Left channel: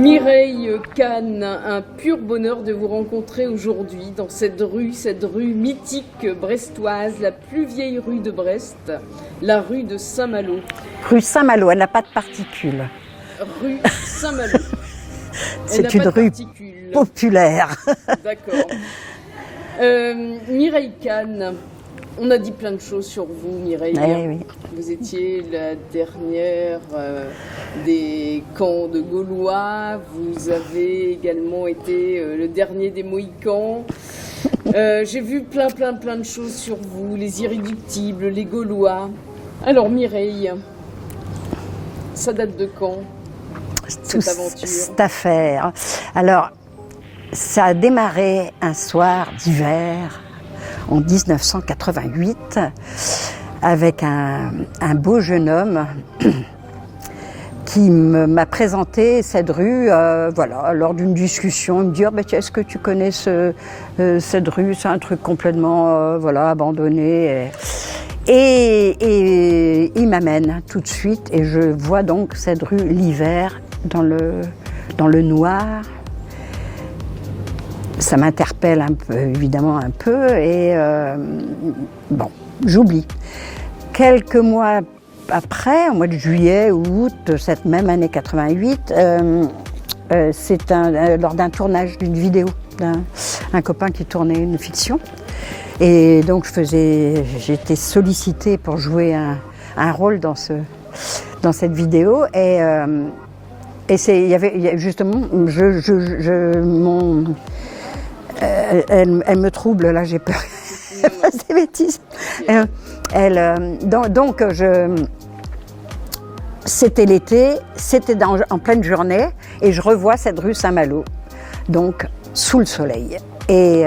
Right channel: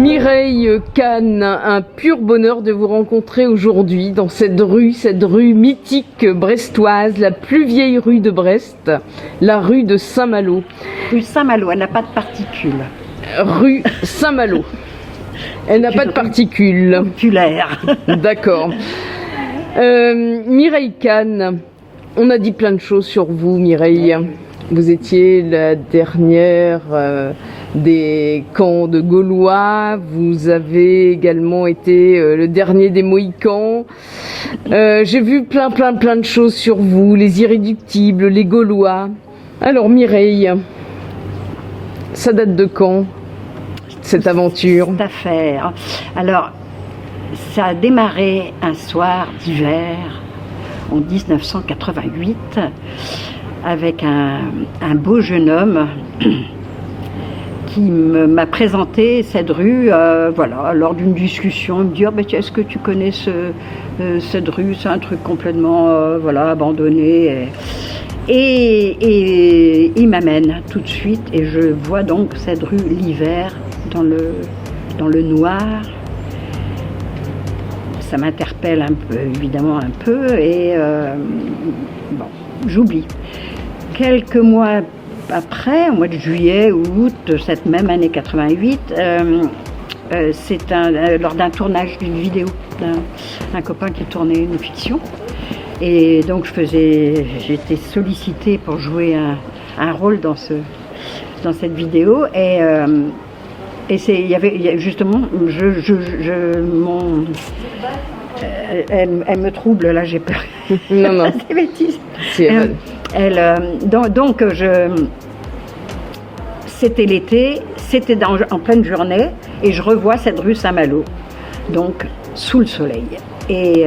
Mireille Kahn, un pur bonheur de vous rencontrer aujourd'hui dans cette rue mythique brestoise, la plus vieille rue de Brest, la rue de Saint-Malo. Rue Saint-Malo, elle n'a pas de particules. Rue Saint-Malo. Elle n'a pas de particules. Populaire. D'accord. Mireille Kahn, on a dit plein de choses sur vous, Mireille. Oui. Vous étiez la dernière des camps de Gaulois. Vous avez également été le dernier des Mohicans. J'ai vu plein de choses sur vous, les irréductibles, les Gaulois. Alors Mireille, ça date de quand, cette aventure? Cette affaire. Alors, ça a démarré un soir d'hiver en 1988 avec un beau jeune homme qui m'a présenté cette rue, lors d'une discussion. Il me dit est-ce que tu connais cette rue? C'est un truc complètement abandonné. Et il m'amène tout de suite et je vois donc cette rue l'hiver dans le noir. Ça m'interpelle évidemment un peu et j'oublie. Quelques mois après, au mois de juillet ou août de cette même année 88, c'est lors d'un tournage d'une vidéo d'un copain qui tournait une fiction. Et donc j'étais sollicitée pour jouer un rôle dans cette vidéo. Il y avait justement, elle me trouble, là j'ai peur. Non. C'est bêtise. C'était l'été, c'était en pleine journée, et je revois cette rue Saint-Malo, donc sous le soleil. Et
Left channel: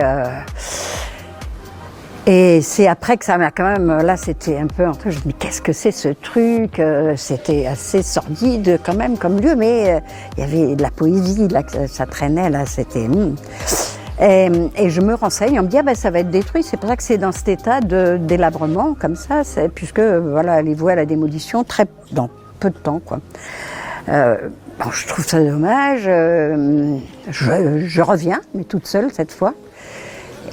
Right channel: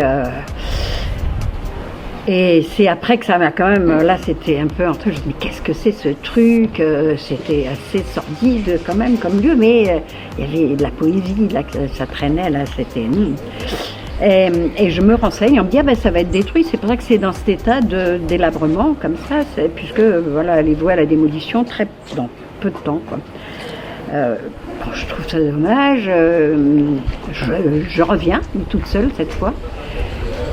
c'est après que ça m'a quand même, là c'était un peu je me dis mais qu'est-ce que c'est ce truc, c'était assez sordide quand même comme lieu, mais il y avait de la poésie, là, ça traînait, là c'était... Et je me renseigne, on me dit ça va être détruit, c'est pour ça que c'est dans cet état délabrement comme ça, puisque elle est vouée à la démolition dans peu de temps, quoi. Je trouve ça dommage, je reviens, mais toute seule cette fois,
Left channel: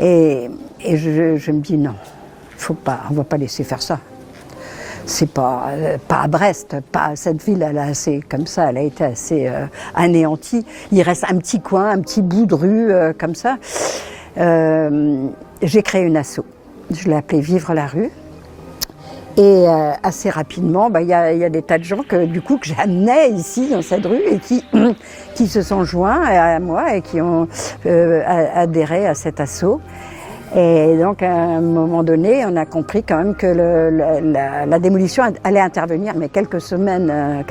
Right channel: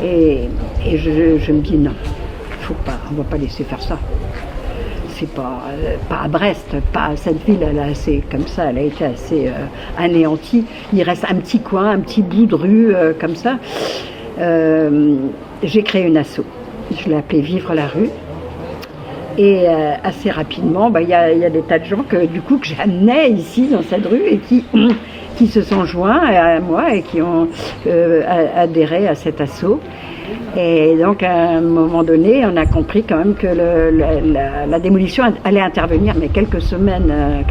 et je me dis non, on va pas laisser faire ça. C'est pas à Brest, pas cette ville, elle a été assez anéantie. Il reste un petit coin, un petit bout de rue comme ça. J'ai créé une asso. Je l'ai appelée Vivre la rue. Et assez rapidement, il y a des tas de gens que j'amenais ici dans cette rue et qui se sont joints à moi et qui ont adhéré à cet asso. Et donc, à un moment donné, on a compris quand même que la démolition allait intervenir, mais quelques semaines,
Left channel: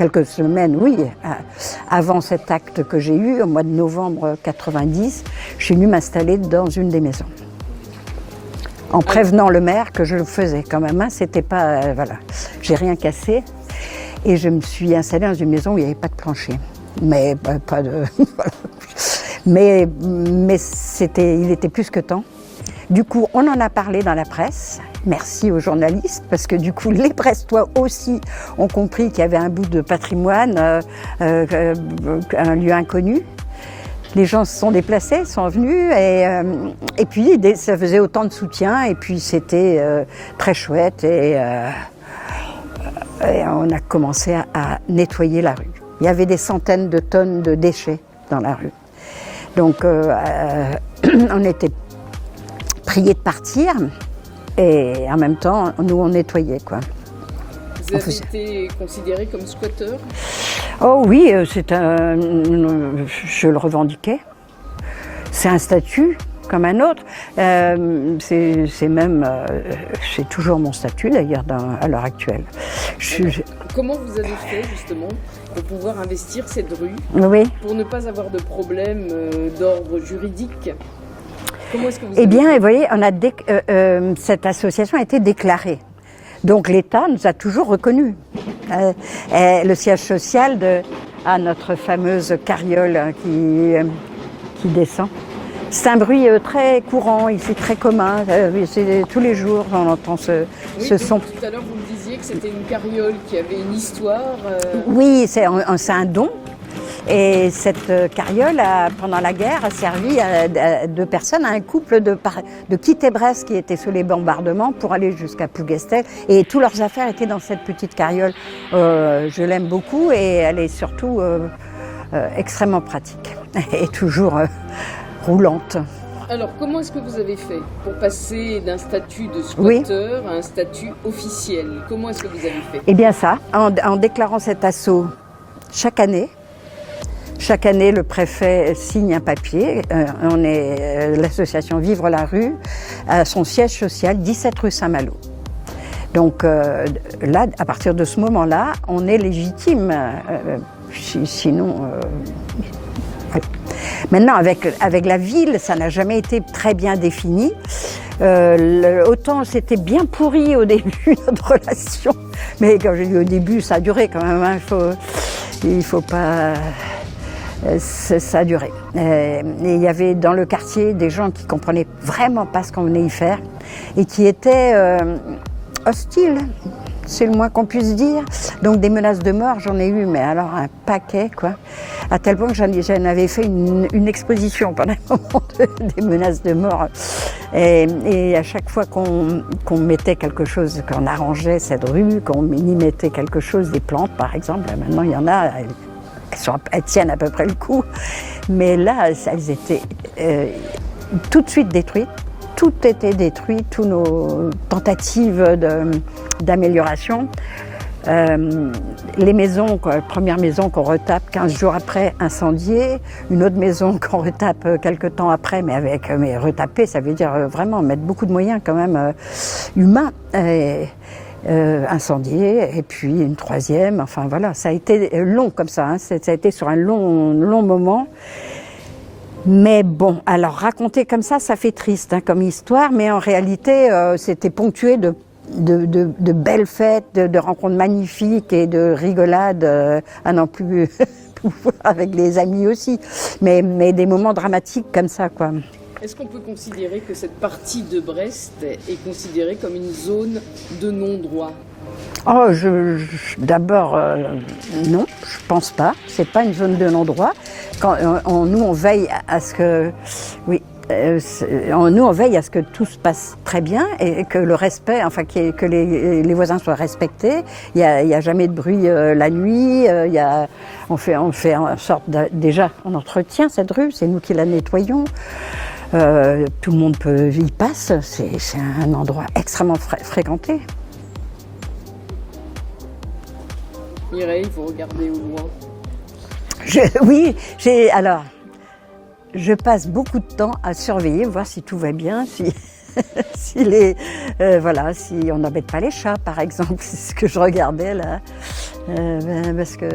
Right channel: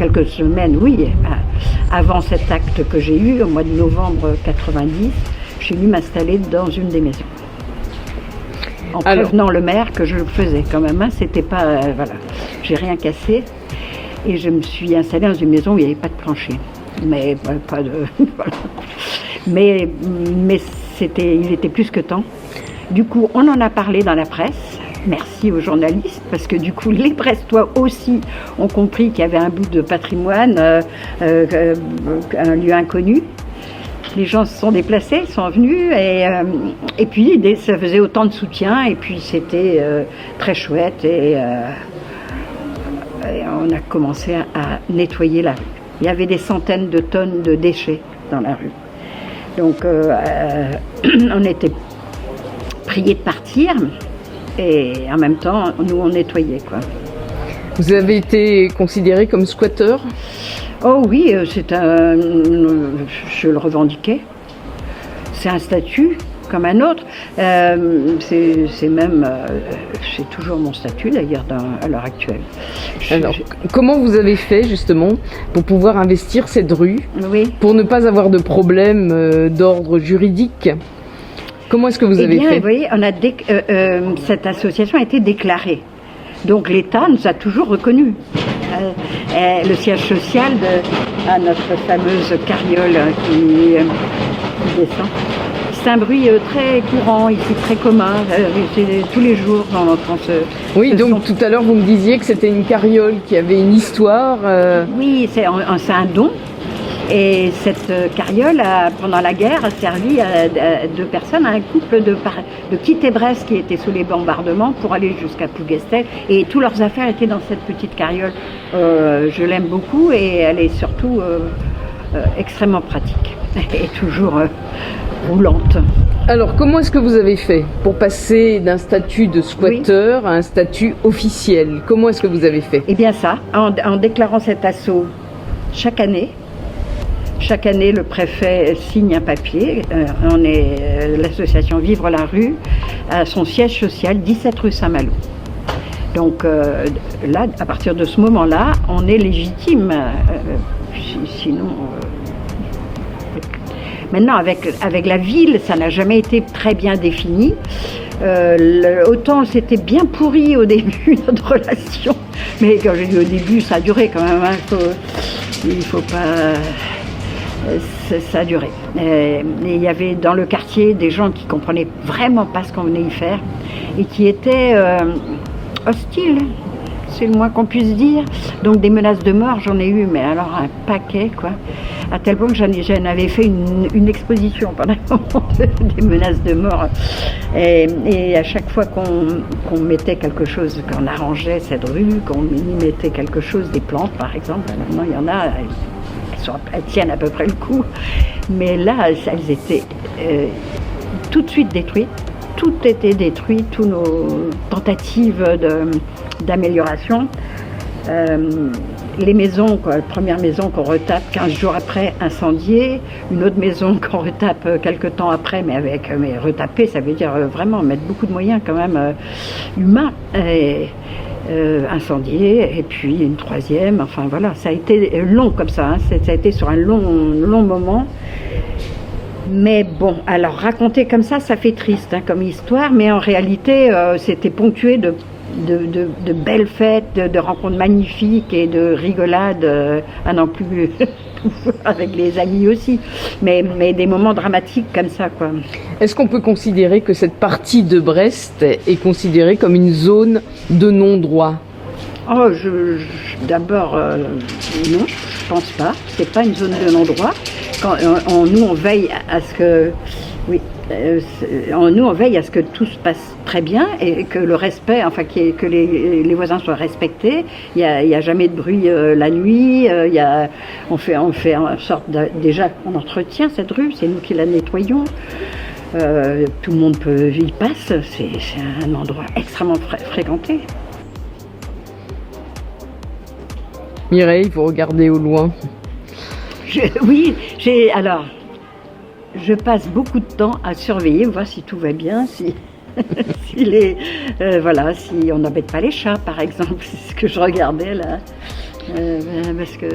avant cet acte que j'ai eu, au mois de novembre 90, je suis venue m'installer dans une des maisons. En prévenant le maire que je le faisais quand même, c'était pas... j'ai rien cassé. Et je me suis installée dans une maison où il n'y avait pas de plancher. Mais pas de... Mais il était plus que temps. Du coup, on en a parlé dans la presse. Merci aux journalistes, parce que du coup, les Brestois aussi ont compris qu'il y avait un bout de patrimoine, un lieu inconnu. Les gens se sont déplacés, sont venus, et puis ça faisait autant de soutien, et puis c'était très chouette, et on a commencé à nettoyer la rue. Il y avait des centaines de tonnes de déchets dans la rue. Donc, on était priés de partir, et en même temps, nous, on nettoyait, quoi. Vous avez été considéré comme squatteur? Oh oui, je le revendiquais. C'est un statut comme un autre. C'est toujours mon statut d'ailleurs à l'heure actuelle. Alors, comment vous avez fait justement pour pouvoir investir cette rue, pour ne pas avoir de problème d'ordre juridique? Comment est-ce que vous avez fait? Eh bien, vous voyez, cette association a été déclarée. Donc l'État nous a toujours reconnus. Le siège social à notre fameuse carriole qui descend. C'est un bruit très courant, ici très commun, tous les jours on entend Oui, donc tout à l'heure vous me disiez que c'était une carriole qui avait une histoire. Oui, c'est un don Et cette carriole, pendant la guerre, a servi à deux personnes, à un couple de quitter Brest qui était sous les bombardements pour aller jusqu'à Plougastel. Et toutes leurs affaires étaient dans cette petite carriole. Je l'aime beaucoup et elle est surtout extrêmement pratique et toujours roulante. Alors, comment est-ce que vous avez fait pour passer d'un statut de squatteur à un statut officiel? Comment est-ce que vous avez fait? Eh bien ça, en déclarant cet assaut chaque année, le préfet signe un papier. On est l'association Vivre la rue, à son siège social, 17 rue Saint-Malo. Donc là, à partir de ce moment-là, on est légitime. Sinon... Maintenant, avec la ville, ça n'a jamais été très bien défini. Autant c'était bien pourri au début, notre relation. Mais au début, ça a duré quand même. Il faut pas... Ça a duré. Et il y avait dans le quartier des gens qui comprenaient vraiment pas ce qu'on venait y faire et qui étaient hostiles. C'est le moins qu'on puisse dire. Donc des menaces de mort, j'en ai eu, mais alors un paquet, quoi. À tel point que j'en avais fait une exposition pendant un moment des menaces de mort. Et à chaque fois qu'on mettait quelque chose, qu'on arrangeait cette rue, qu'on y mettait quelque chose, des plantes par exemple, maintenant il y en a, elles tiennent à peu près le coup. Mais là, elles étaient tout de suite détruites. Tout était détruit, toutes nos tentatives d'amélioration. Les maisons, la première maison qu'on retape 15 jours après, incendiée. Une autre maison qu'on retape quelques temps après, mais retaper, ça veut dire vraiment mettre beaucoup de moyens quand même humains. Incendiée, et puis une troisième, enfin voilà, ça a été long comme ça, hein, ça a été sur un long moment. Mais bon, alors raconter comme ça fait triste hein, comme histoire, mais en réalité, c'était ponctué de belles fêtes, de rencontres magnifiques et de rigolades, à n'en plus avec des amis aussi, mais des moments dramatiques comme ça, quoi. Est-ce qu'on peut considérer que cette partie de Brest est considérée comme une zone de non-droit? Oh, d'abord, non, je pense pas. C'est pas une zone de non-droit. Nous, on veille à ce que, oui, nous, on veille à ce que tout se passe très bien et que le respect, enfin, que les voisins soient respectés. Il y a jamais de bruit la nuit. On fait en sorte déjà, on entretient cette rue. C'est nous qui la nettoyons. Tout le monde y passe. C'est un endroit extrêmement fréquenté. Mireille, vous regardez au loin. Alors, je passe beaucoup de temps à surveiller, voir si tout va bien, si on n'embête pas les chats, par exemple. C'est ce que je regardais là. Parce que,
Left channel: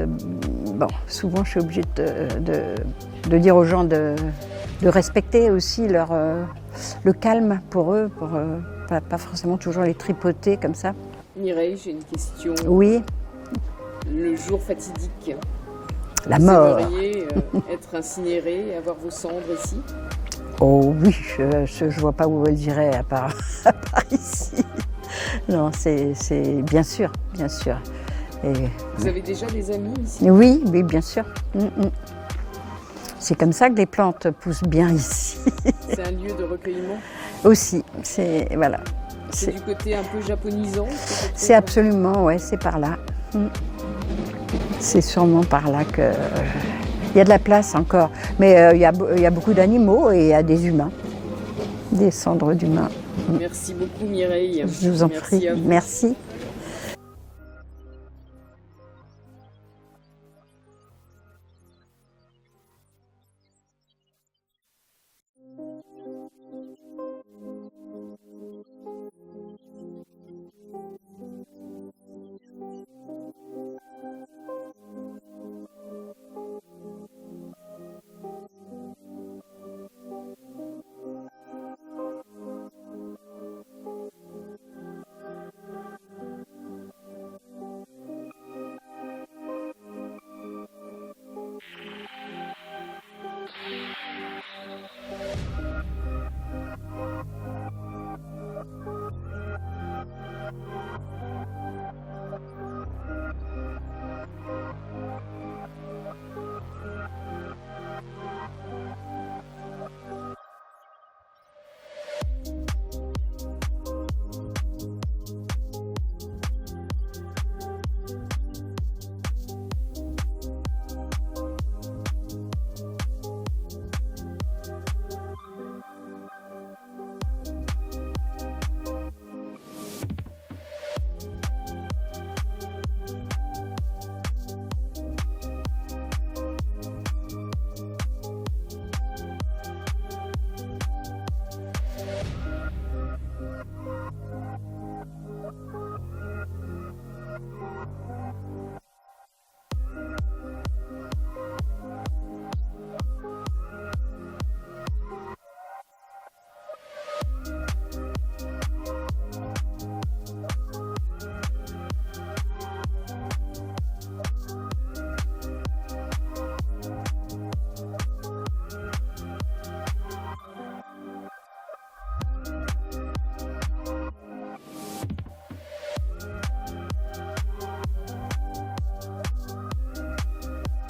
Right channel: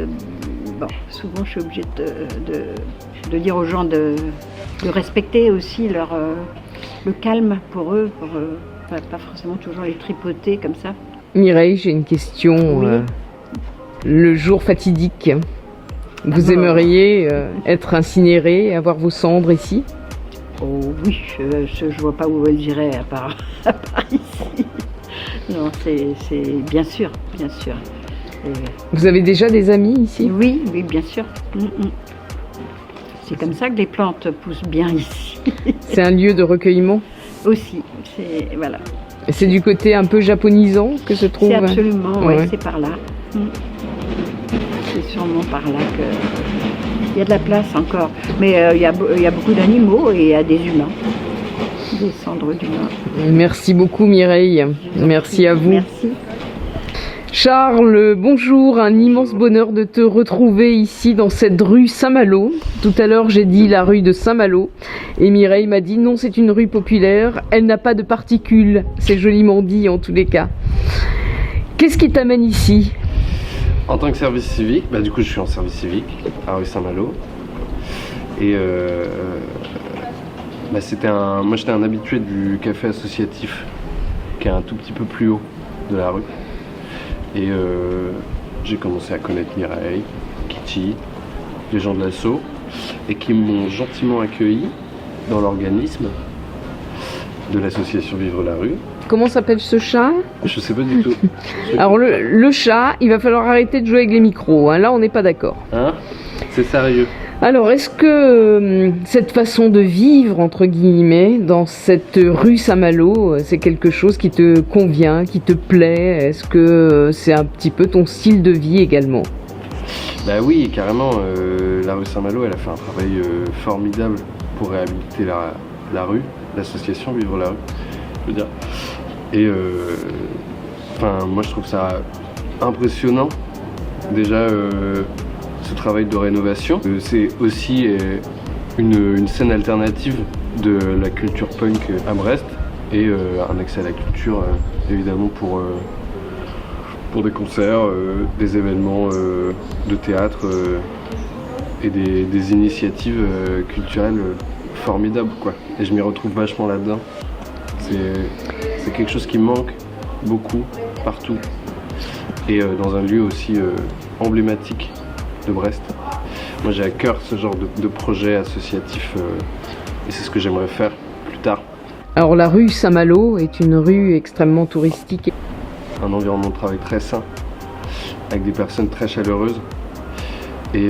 bon, souvent je suis obligée de dire aux gens de respecter aussi le calme pour eux, pour pas forcément toujours les tripoter comme ça. Mireille, j'ai une question. Oui. Le jour fatidique, vous aimeriez être incinéré et avoir vos cendres ici? Oh oui, je vois pas où elles iraient à part ici. Non, c'est bien sûr. Et... Vous avez déjà des amis ici? Oui, bien sûr. C'est comme ça que les plantes poussent bien ici. C'est un lieu de recueillement? Aussi, voilà. Et c'est du côté un peu japonisant que se trouve? C'est absolument, ouais, c'est par là. C'est sûrement par là qu'il y a de la place encore. Mais il y a beaucoup d'animaux et il y a des humains, des cendres d'humains. Merci beaucoup Mireille. Merci à vous. Merci. Charles, bonjour, un immense bonheur de te retrouver ici dans cette rue Saint-Malo. Tout à l'heure j'ai dit la rue de Saint-Malo et Mireille m'a dit non, c'est une rue populaire, elle n'a pas de particules, c'est joliment dit en tous les cas. Qu'est-ce qui t'amène ici ? En tant que service civique, du coup je suis en service civique à rue Saint-Malo. Et moi j'étais un habitué du café associatif qui est un tout petit peu plus haut de la rue. Et j'ai commencé à connaître Mireille, Kitty, les gens de l'asso, et qui m'ont gentiment accueilli dans l'organisme. de l'association Vivre la rue. Comment s'appelle ce chat? Je sais pas du tout. Alors le chat, il va falloir arrêter de jouer avec les micros, hein. Là on n'est pas d'accord. Hein? C'est sérieux. Alors est-ce que cette façon de vivre, entre guillemets, dans cette rue Saint-Malo, c'est quelque chose qui te convient, qui te plaît? Est-ce que c'est un petit peu ton style de vie également? Bah oui, carrément. La rue Saint-Malo, elle a fait un travail formidable pour réhabiliter la rue, l'association Vivre la rue, je veux dire. Et moi je trouve ça impressionnant, déjà ce travail de rénovation. C'est aussi une scène alternative de la culture punk à Brest et un accès à la culture évidemment pour des concerts, des événements de théâtre et des initiatives culturelles formidables, quoi. Et je m'y retrouve vachement là-dedans. C'est quelque chose qui me manque beaucoup, partout. Et dans un lieu aussi emblématique de Brest. Moi j'ai à cœur ce genre de projet associatif et c'est ce que j'aimerais faire plus tard. Alors la rue Saint-Malo est une rue extrêmement touristique. Un environnement de travail très sain, avec des personnes très chaleureuses et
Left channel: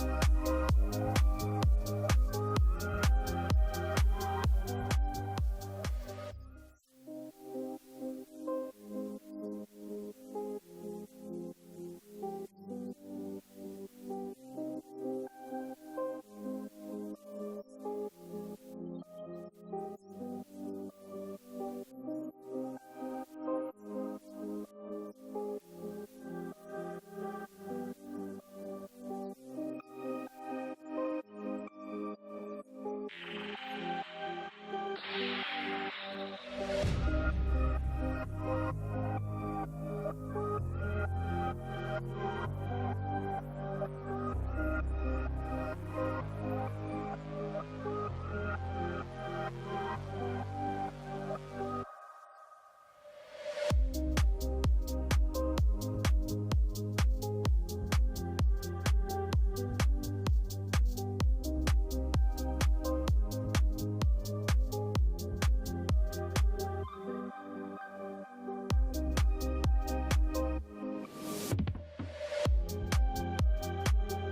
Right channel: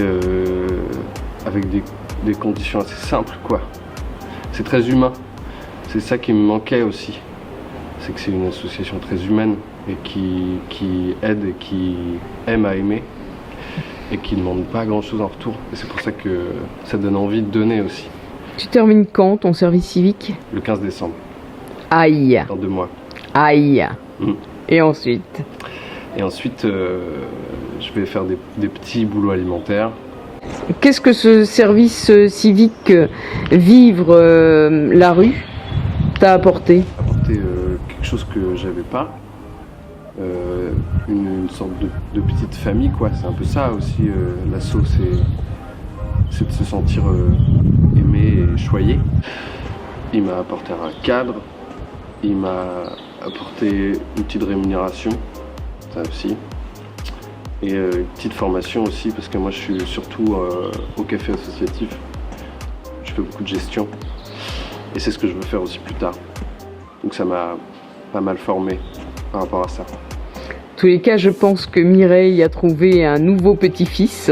avec des conditions assez simples, quoi. C'est très humain. C'est ça qui me manquait aussi. C'est que c'est une association très humaine et qui aide et qui aime à aimer et qui ne demande pas grand-chose en retour. Et c'est pour ça que ça donne envie de donner aussi. Tu termines quand ton service civique? Le 15 décembre. Aïe. Dans 2 mois. Aïe. Mm. Et ensuite? Et ensuite, je vais faire des petits boulots alimentaires. Qu'est-ce que ce service civique Vivre la rue t'a apporté? Apporter quelque chose que j'avais pas. Une sorte de petite famille, quoi. C'est un peu ça aussi, l'asso, c'est de se sentir aimé et choyé. Il m'a apporté un cadre, il m'a apporté une petite rémunération, ça aussi, et une petite formation aussi, parce que moi je suis surtout au café associatif, je fais beaucoup de gestion, et c'est ce que je veux faire aussi plus tard. Donc ça m'a pas mal formé par rapport à ça. En tous les cas, je pense que Mireille a trouvé un nouveau petit-fils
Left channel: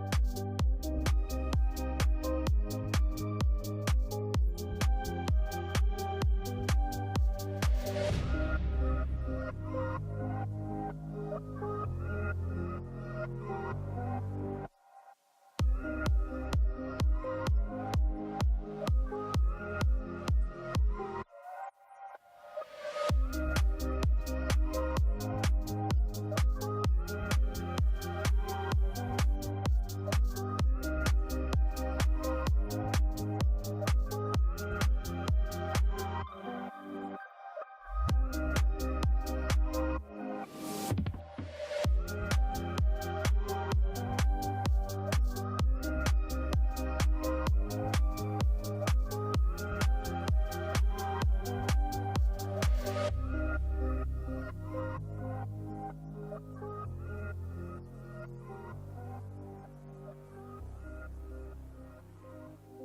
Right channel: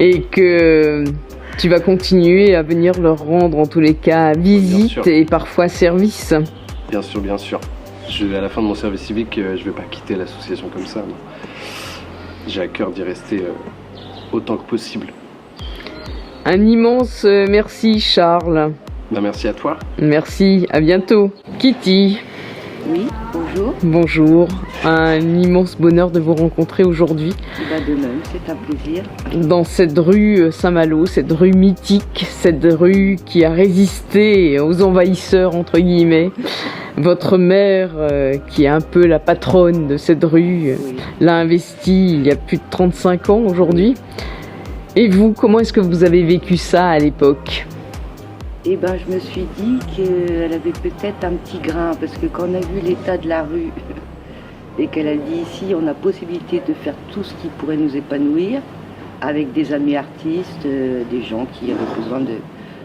et que tu vas continuer à venir leur rendre en tous les cas visite et parfois service. Bien sûr, bien sûr. À la fin de mon service civique, je ne vais pas quitter l'association comme ça. J'ai à cœur d'y rester autant que possible. Un immense merci Charles. Ben, merci à toi. Merci, à bientôt. Kitty. Oui, bonjour. Bonjour, un immense bonheur de vous rencontrer aujourd'hui. De même, c'est un plaisir. Dans cette rue Saint-Malo, cette rue mythique, cette rue qui a résisté aux envahisseurs, entre guillemets. Votre mère, qui est un peu la patronne de cette rue, l'a investie il y a plus de 35 ans aujourd'hui. Et vous, comment est-ce que vous avez vécu ça à l'époque ? Eh ben, je me suis dit qu'elle avait peut-être un petit grain, parce que quand on a vu l'état de la rue et qu'elle a dit ici, on a possibilité de faire tout ce qui pourrait nous épanouir, avec des amis artistes, des gens qui avaient besoin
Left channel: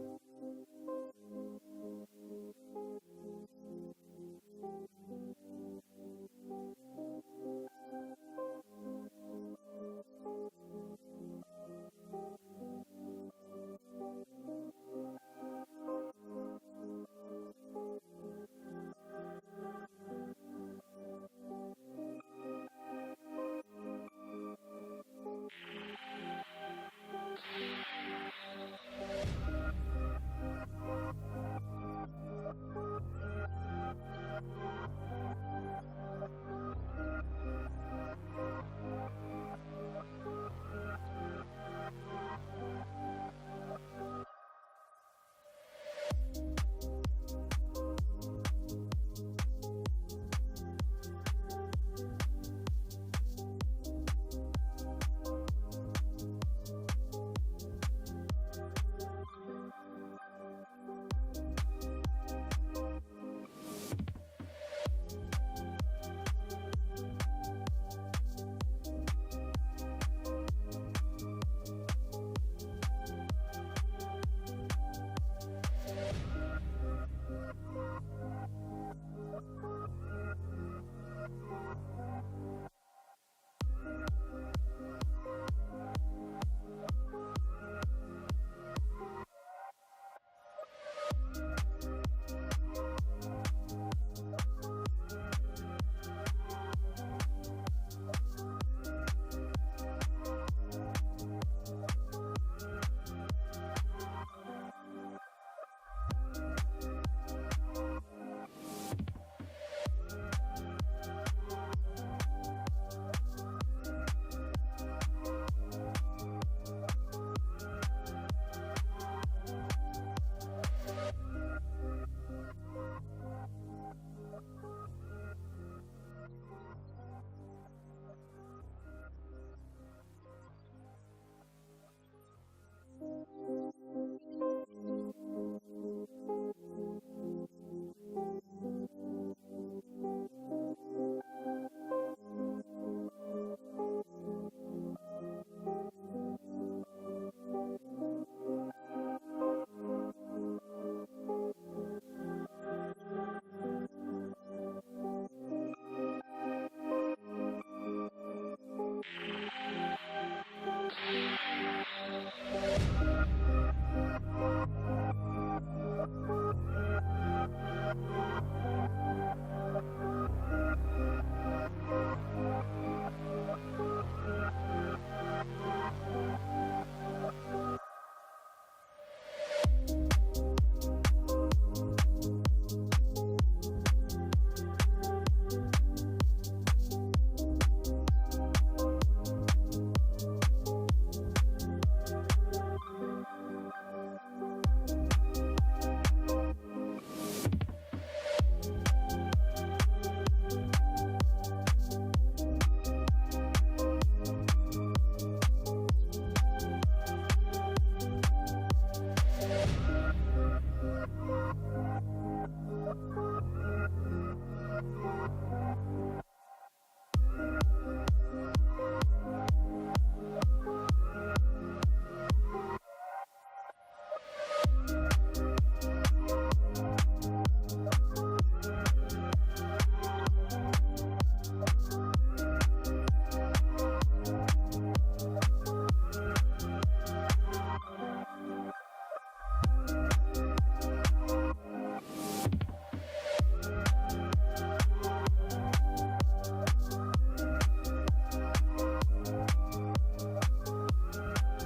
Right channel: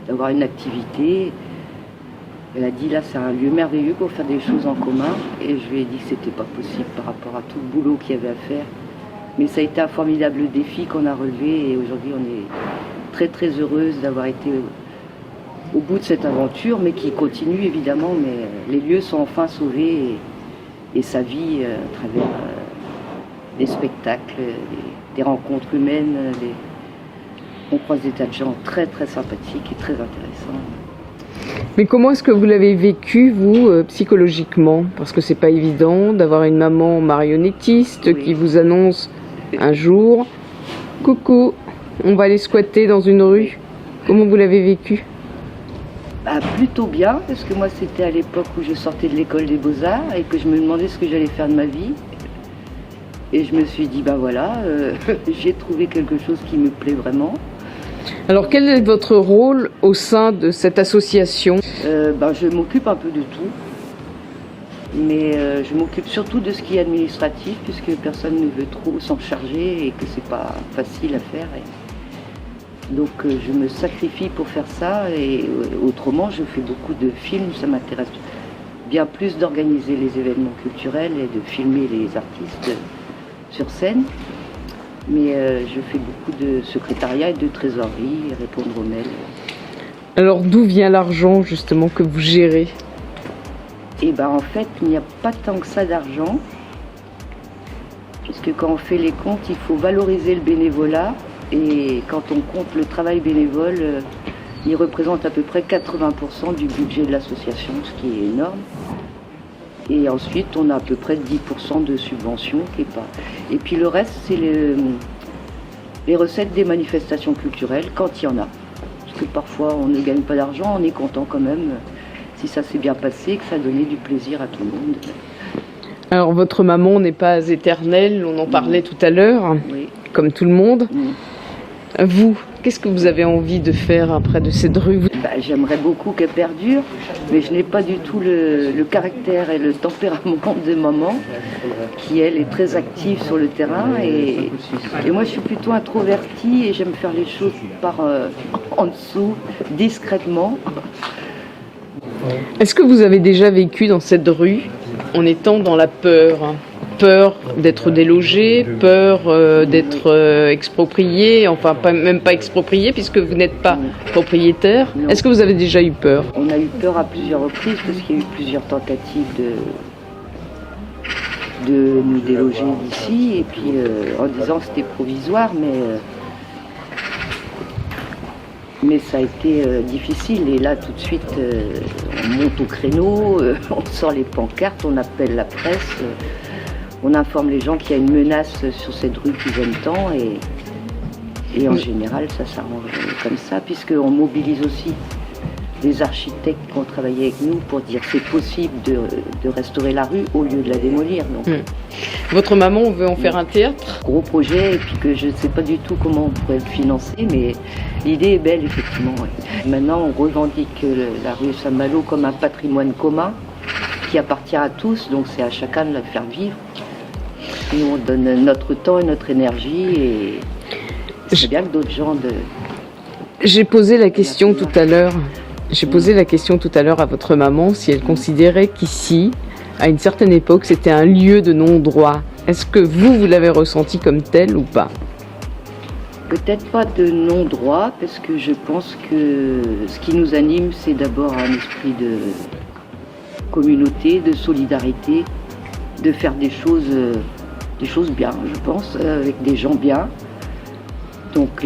d'avoir une activité. Elle a dit là, c'est un lieu merveilleux pour faire des choses en commun, et je lui ai dit que c'était pas possible par rapport à tout le boulot qu'il y avait à faire. Mais ça a été un formidable défi qu'on a relevé, et aujourd'hui on est très très heureuse d'avoir été au bout de cette aventure, mais qui continue évidemment, mais les lieux sont enfin sauvés et sa vie à travers des spectacles, des rencontres humaines, on croise des tas de gens très très sympathiques et très intéressants. Mais comment est-ce que vous l'avez vécu, vous, psychologiquement ? Parce que c'est pas évident d'avoir une maman marionnettiste qui vous annonce un jour « Coucou, on va aller squatter dans une rue ». Comment vous l'avez vécu ? Plutôt bien, parce que moi c'était à l'époque où je sortais de l'école des Beaux-Arts et que je me demandais ce que j'allais faire de ma vie. Et je me suis dit, ben voilà, j'ai trouvé quelque chose qui me plaît vraiment. Alors quel est votre rôle au sein de cette association ? Je m'occupe un peu de tout, mais je m'occupe surtout de ce qui est administratif, puisque personne ne veut trop s'en charger et que c'est pas facile à faire. Donc je me sacrifie pour faire ça et autrement je fais beaucoup de films, ça m'intéresse bien plus d'organiser les événements culturels et de filmer les artistes sur scène. Mais je fais beaucoup de secrétariat et de trésorerie, répondre aux mails. Alors d'où vient l'argent justement que vous gérez? Et ben en fait il n'y a pas tant que ça d'argent, puisque quand on fait les comptes il faut valoriser le bénévolat. Et quand on compte le travail bénévole, il représente à peu près 80% du budget de l'association, ce qui est énorme. Et ensuite, on a à peu près 10% de subventions. Et puis le reste, c'est les recettes des manifestations culturelles, quand il y en a. Parce que parfois, on ne gagne pas d'argent, on est content quand même, si ça s'est bien passé, que ça a donné du plaisir à tout le monde. Alors votre maman n'est pas éternelle, on en parlait tout à l'heure, Oui. comme tout le monde. Mm. Vous, qu'est-ce que vous avez envie de faire après de cette rue? J'aimerais beaucoup qu'elle perdure, mais je n'ai pas du tout le caractère et le tempérament de maman, qui elle est très active sur le terrain. Et moi je suis plutôt introvertie et j'aime faire les choses en dessous, discrètement. Est-ce que vous avez déjà vécu dans cette rue en étant dans la peur? Peur d'être délogé, peur d'être exproprié, enfin même pas exproprié puisque vous n'êtes pas propriétaire. Non. Est-ce que vous avez déjà eu peur? On a eu peur à plusieurs reprises parce qu'il y a eu plusieurs tentatives de nous déloger d'ici, et puis en disant que c'était provisoire, mais ça a été difficile. Et là tout de suite on monte au créneau, on sort les pancartes, on appelle la presse. On informe les gens qu'il y a une menace sur cette rue qu'ils aiment tant, et en général ça s'arrange comme ça, puisqu'on mobilise aussi des architectes qui ont travaillé avec nous pour dire que c'est possible de restaurer la rue au lieu de la démolir. Donc, Votre maman veut en faire un théâtre? gros projet, et puis que je ne sais pas du tout comment on pourrait le financer, mais l'idée est belle effectivement. Ouais. Maintenant on revendique la rue Saint-Malo comme un patrimoine commun qui appartient à tous, donc c'est à chacun de la faire vivre. Nous, on donne notre temps et notre énergie, et c'est bien que d'autres gens J'ai posé la question tout à l'heure. J'ai posé la question tout à l'heure à votre maman si elle considérait qu'ici, à une certaine époque, c'était un lieu de non-droit. Est-ce que vous l'avez ressenti comme tel ou pas? Peut-être pas de non-droit, parce que je pense que ce qui nous anime, c'est d'abord un esprit de communauté, de solidarité, de faire des choses bien, je pense, avec des gens bien. Donc,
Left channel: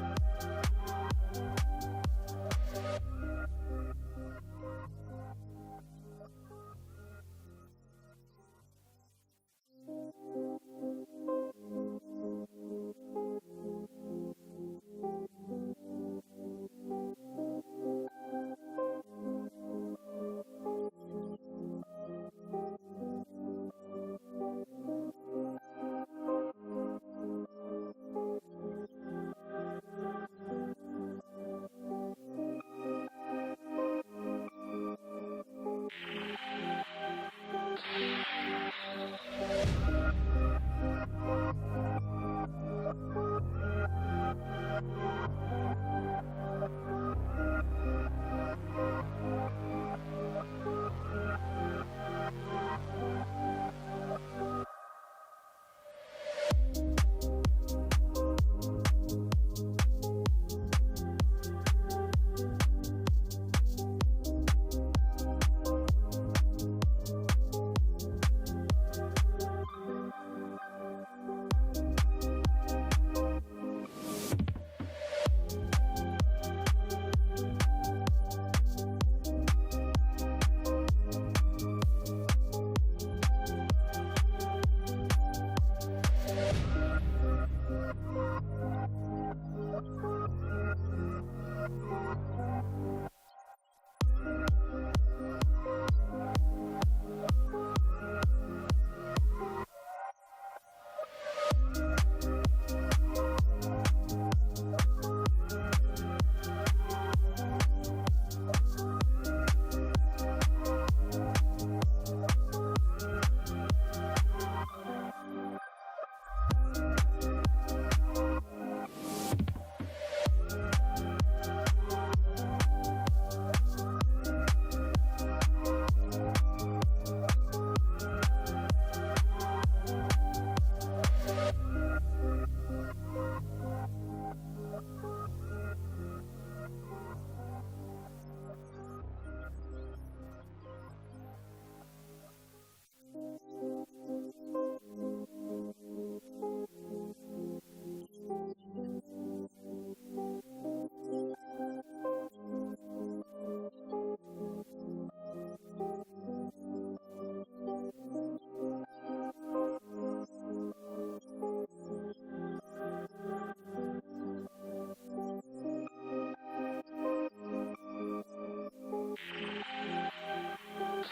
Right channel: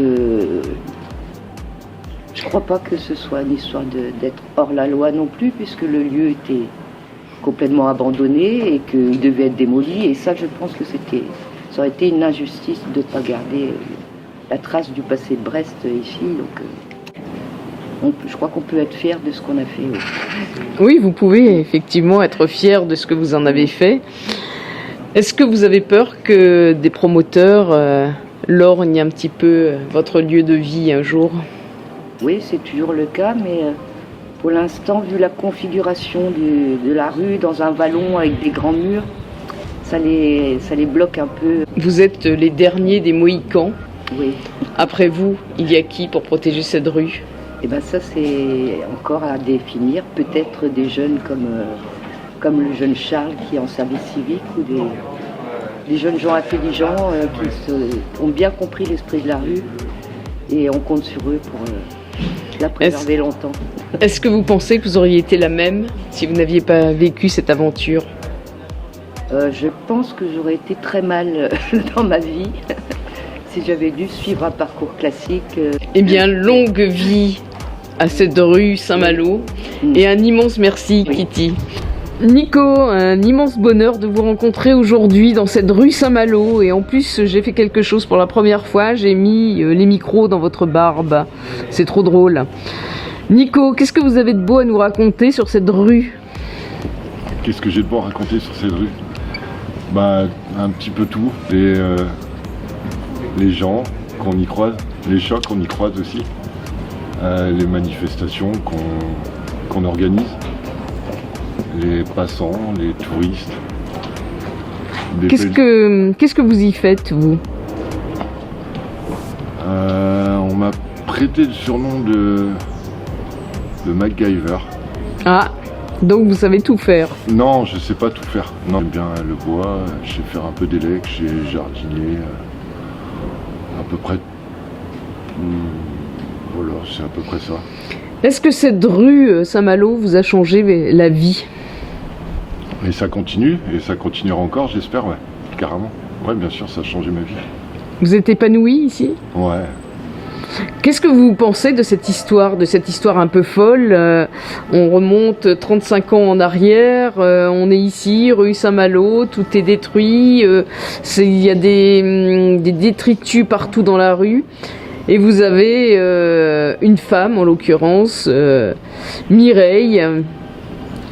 je crois pas que ce soit une histoire d'être hors la loi non plus, puisque le lieu était complètement abandonné et qu'il devait être démoli. Et ça, je pense que ça aurait été une injustice de ne pas garder la trace du passé de Brest ici. Donc, je crois qu'on peut être fier de ce qu'on a fait. Oui, vous pouvez effectivement être fier de ce que vous en avez fait. Est-ce que vous avez peur que des promoteurs lorgnent un petit peu votre lieu de vie un jour? Oui, c'est toujours le cas, mais pour l'instant, vu la configuration de la rue dans un vallon avec des grands murs, ça les bloque un peu. Vous êtes les derniers des Mohicans. Oui. Après vous, il y a qui pour protéger cette rue? Et bien ça, c'est encore à définir. Peut-être des jeunes comme le jeune Charles qui est en service civique, ou des jeunes gens intelligents qui ont bien compris l'esprit de la rue, et on compte sur eux pour la préserver longtemps. Est-ce que vous pensez que vous auriez été la même si vous n'aviez pas vécu cette aventure? Je pense que j'aurais été très mal dans ma vie si j'avais dû suivre un parcours classique. Eh bien, longue vie à cette rue Saint-Malo, et un immense merci, Oui. Kitty. Nico, un immense bonheur de vous rencontrer aujourd'hui dans cette rue Saint-Malo, et en plus j'ai fait quelque chose pour la première fois, j'ai mis les micros dans votre barbe, c'est trop drôle. Nico, qu'est-ce que vous avez de beau à nous raconter sur cette rue? Qu'est-ce que j'ai de beau à raconter sur cette rue? Un petit peu tout, les gens qu'on y croise, les chocs qu'on y croise aussi, les manifestations qu'on organise, les passants, les touristes. Qu'est-ce que vous y faites, vous? On m'a prêté le surnom de MacGyver. Ah, donc vous savez tout faire. Non, je sais pas tout faire. Non, j'aime bien le bois, je sais faire un peu d'élec, j'ai jardiné, à peu près. Voilà, c'est à peu près ça. Est-ce que cette rue Saint-Malo vous a changé la vie? Et ça continue, et ça continuera encore, j'espère, ouais, carrément. Ouais, bien sûr, ça a changé ma vie. Vous êtes épanoui ici? Ouais. Qu'est-ce que vous pensez de cette histoire un peu folle? On remonte 35 ans en arrière, on est ici, rue Saint-Malo, tout est détruit, il y a des détritus partout dans la rue. Et vous avez une femme, en l'occurrence, Mireille,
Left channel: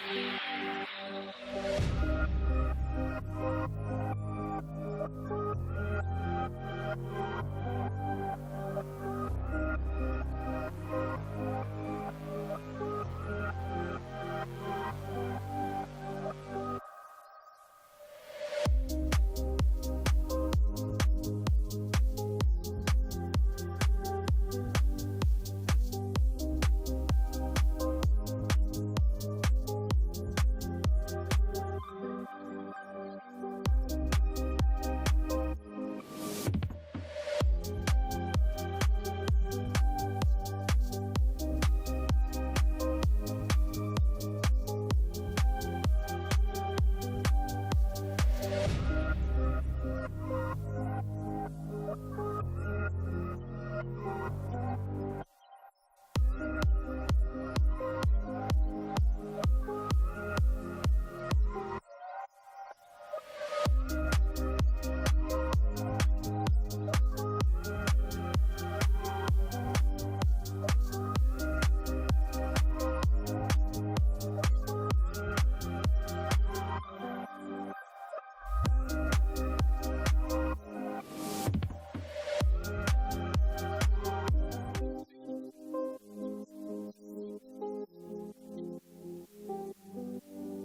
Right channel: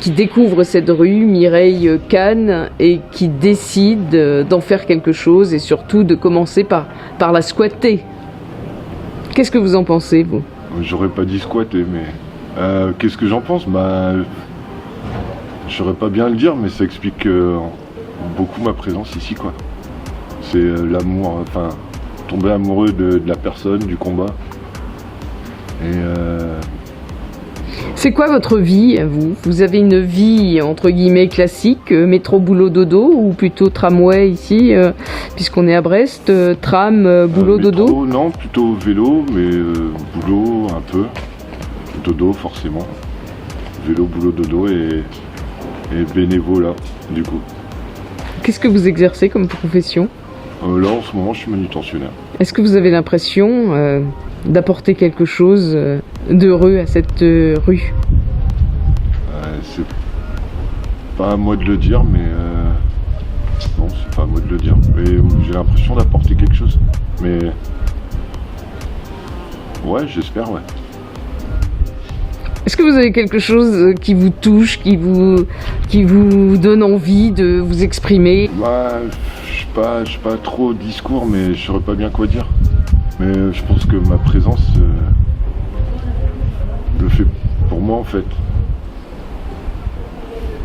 qui découvre cette rue, Mireille Kahn, et qui décide d'en faire quelque chose et surtout de commencer par la squatter. Qu'est-ce que vous en pensez, vous? J'aurais pas dit squatter, mais qu'est-ce que j'en pense? Bah, je saurais pas bien le dire, mais ça explique beaucoup ma présence ici, quoi. C'est l'amour, enfin, tomber amoureux de la personne, du combat. Et c'est quoi votre vie, vous? Vous avez une vie, entre guillemets, classique, métro, boulot, dodo, ou plutôt tramway ici, puisqu'on est à Brest, tram, boulot, métro, dodo? non, plutôt vélo, mais boulot un peu. Dodo, forcément. Vélo, boulot, dodo et bénévolat, du coup. Qu'est-ce que vous exercez comme profession? Là, en ce moment, je suis manutentionnaire. Est-ce que vous avez l'impression d'apporter quelque chose d'heureux à cette rue? C'est pas à moi de le dire, mais non, c'est pas à moi de le dire. Mais j'ai l'impression d'apporter quelque chose. Mais ouais, j'espère, ouais. Est-ce que vous avez quelque chose qui vous touche, qui vous donne envie de vous exprimer? Bah, je suis pas trop discours, mais je saurais pas bien quoi dire. Mais je pense que ma présence le fait pour moi, en fait.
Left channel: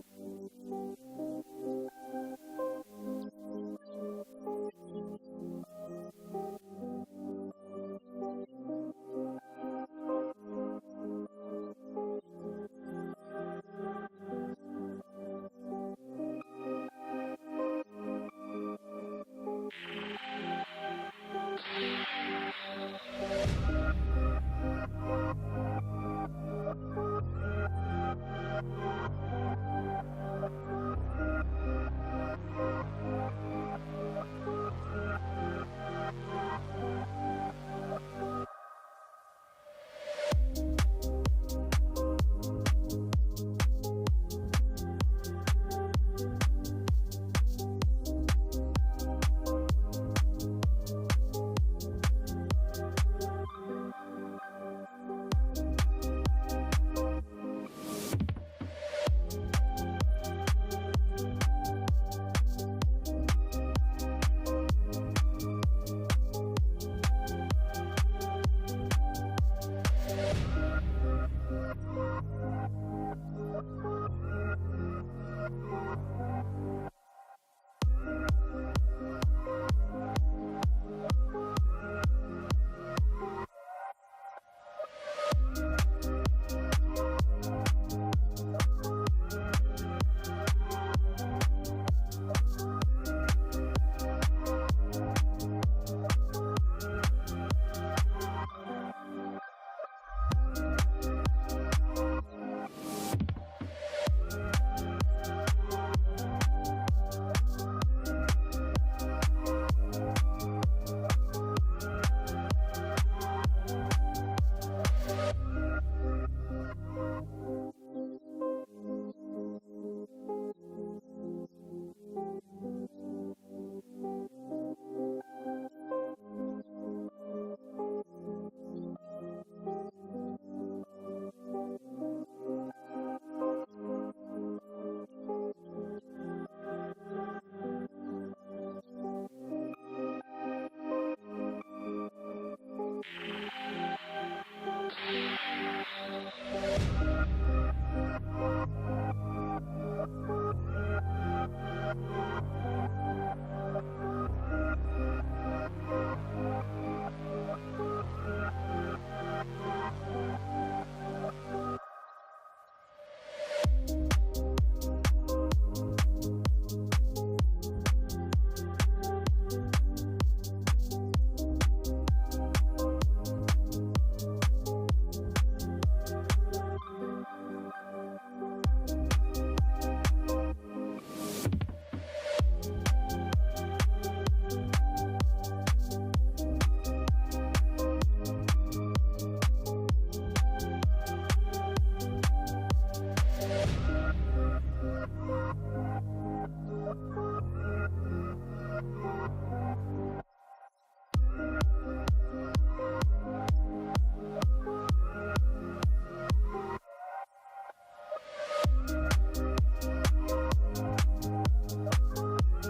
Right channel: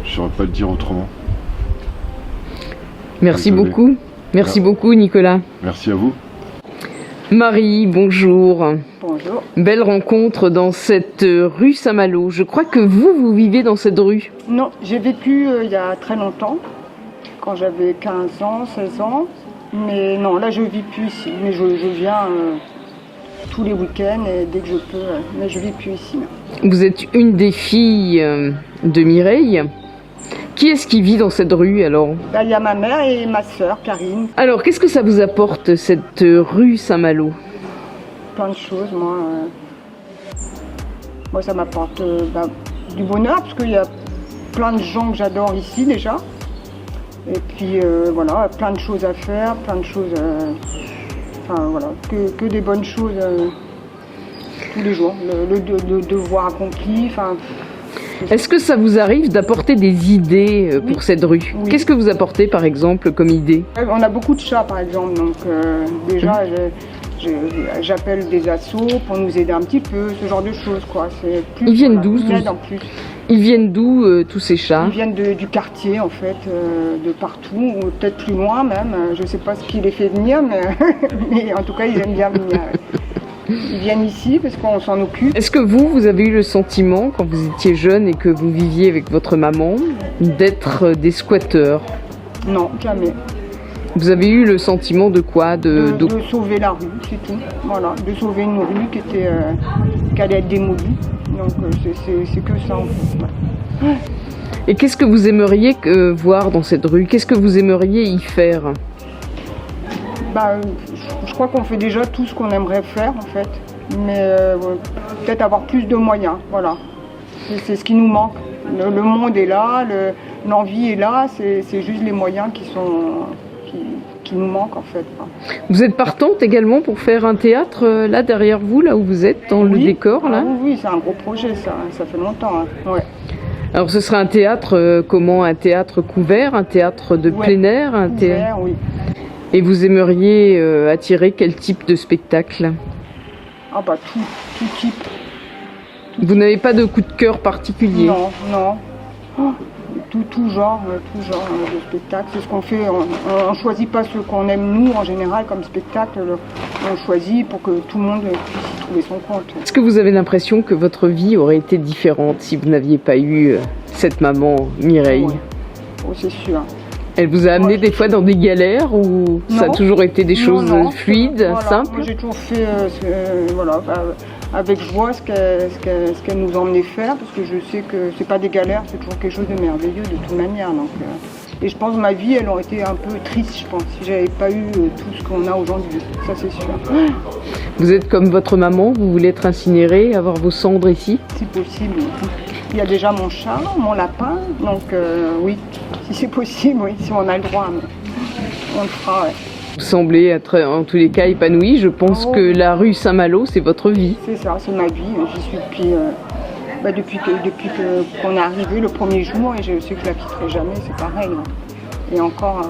Je saurais pas le dire autrement. Merci Désolé. beaucoup. Merci beaucoup, Nicolas. Merci à vous. Marie, bonjour. Bonjour. Belle rencontre dans cette rue Saint-Malo. Je crois que vous vivez dans cette rue. Non, j'ai vécu il y a très longtemps, quand j'avais 15 ans, 16 ans. Mais non, là je vis plus ici. Mais je viens tous les week-ends et dès que je peux. Mais je vis plus ici. Non. Vous êtes une des filles de Mireille. Qui est-ce qui vit dans cette rue alors? Là, il y a ma mère et ma sœur, Karine. Alors, qu'est-ce que ça vous apporte, cette rue Saint-Malo? Plein de choses, moi. Moi, ça m'apporte du bonheur, parce qu'il y a plein de gens que j'adore ici déjà. Et puis, voilà, plein de choses à faire, plein de choses... Enfin, voilà, que des bonnes choses tous les jours. Le devoir accompli, enfin... Est-ce que ça vous arrive d'apporter des idées pour cette rue? Oui. Qu'est-ce que vous apportez par exemple comme idée? On a beaucoup de chats par exemple, donc déjà j'appelle des assos pour nous aider un petit peu, ce genre de choses quoi. C'est plus, Ils viennent voilà, d'où une aide en plus. Ils viennent d'où tous ces chats? Ils viennent du quartier en fait, de partout, ou peut-être plus loin même. Je ne sais pas ce qui les fait venir, mais, mais en tout cas ils aiment bien venir. Ils viennent ici parce qu'on s'en occupe. Est-ce que vous avez eu le sentiment, quand vous étiez jeune et que vous viviez avec votre maman, d'être des squatteurs? Non, jamais. Vous avez eu le sentiment de quoi? De sauver la rue, c'est tout. Voilà, de sauver une rue qui allait être démolie. Donc c'est que ça en fait. Ouais. Et qu'est-ce que vous aimeriez voir dans cette rue? Qu'est-ce que vous aimeriez y faire? Je crois qu'on fait déjà tout ce qu'on aimerait faire en fait, mais peut-être avoir plus de moyens, voilà. C'est ce qui nous manque. Le monde est là, l'envie est là, c'est juste les moyens qui nous manquent en fait. Vous êtes partante également pour faire un théâtre là derrière vous, là où vous êtes, dans le décor là? Oui, c'est un gros projet ça fait longtemps. Hein. Ouais. Alors ce sera un théâtre comment? Un théâtre couvert, un théâtre de plein air, un théâtre. Oui. Et vous aimeriez attirer quel type de spectacle? Ah bah tout type. Vous n'avez pas de coup de cœur particulier? Non. Oh, tout genre de spectacle. C'est ce qu'on fait. On ne choisit pas ce qu'on aime nous en général comme spectacle. On choisit pour que tout le monde puisse y trouver son compte. Est-ce que vous avez l'impression que votre vie aurait été différente si vous n'aviez pas eu cette maman, Mireille? Oui, c'est sûr. Elle vous a amené des fois dans des galères ou ça a Non. toujours été des choses Non, fluides, voilà. simples? Moi, j'ai toujours fait avec joie ce qu'elle nous emmenait faire, parce que je sais que c'est pas des galères, c'est toujours quelque chose de merveilleux de toute manière. Donc, et je pense que ma vie, elle aurait été un peu triste, je pense, si j'avais pas eu tout ce qu'on a aujourd'hui. Ça, c'est sûr. Vous êtes comme votre maman, vous voulez être incinérée, avoir vos cendres ici? Si possible. Il y a déjà mon chat, mon lapin, donc oui, si c'est possible, oui, si on a le droit, on le fera. Ouais. Vous semblez être en tous les cas épanouie. Je pense Oh. que la rue Saint-Malo, c'est votre vie. C'est ça, c'est ma vie. J'y suis depuis qu'on est arrivé le premier jour, et je sais que je la quitterai jamais, c'est pareil. Et encore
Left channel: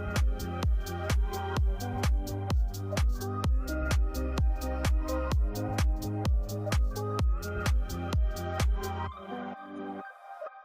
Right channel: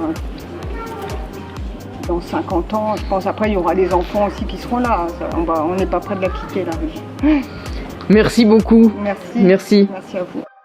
dans 50 ans, je pense après il y aura des enfants aussi qui seront là. On n'est pas près de la quitter, la rue. Merci beaucoup. Merci. Merci. Merci à vous.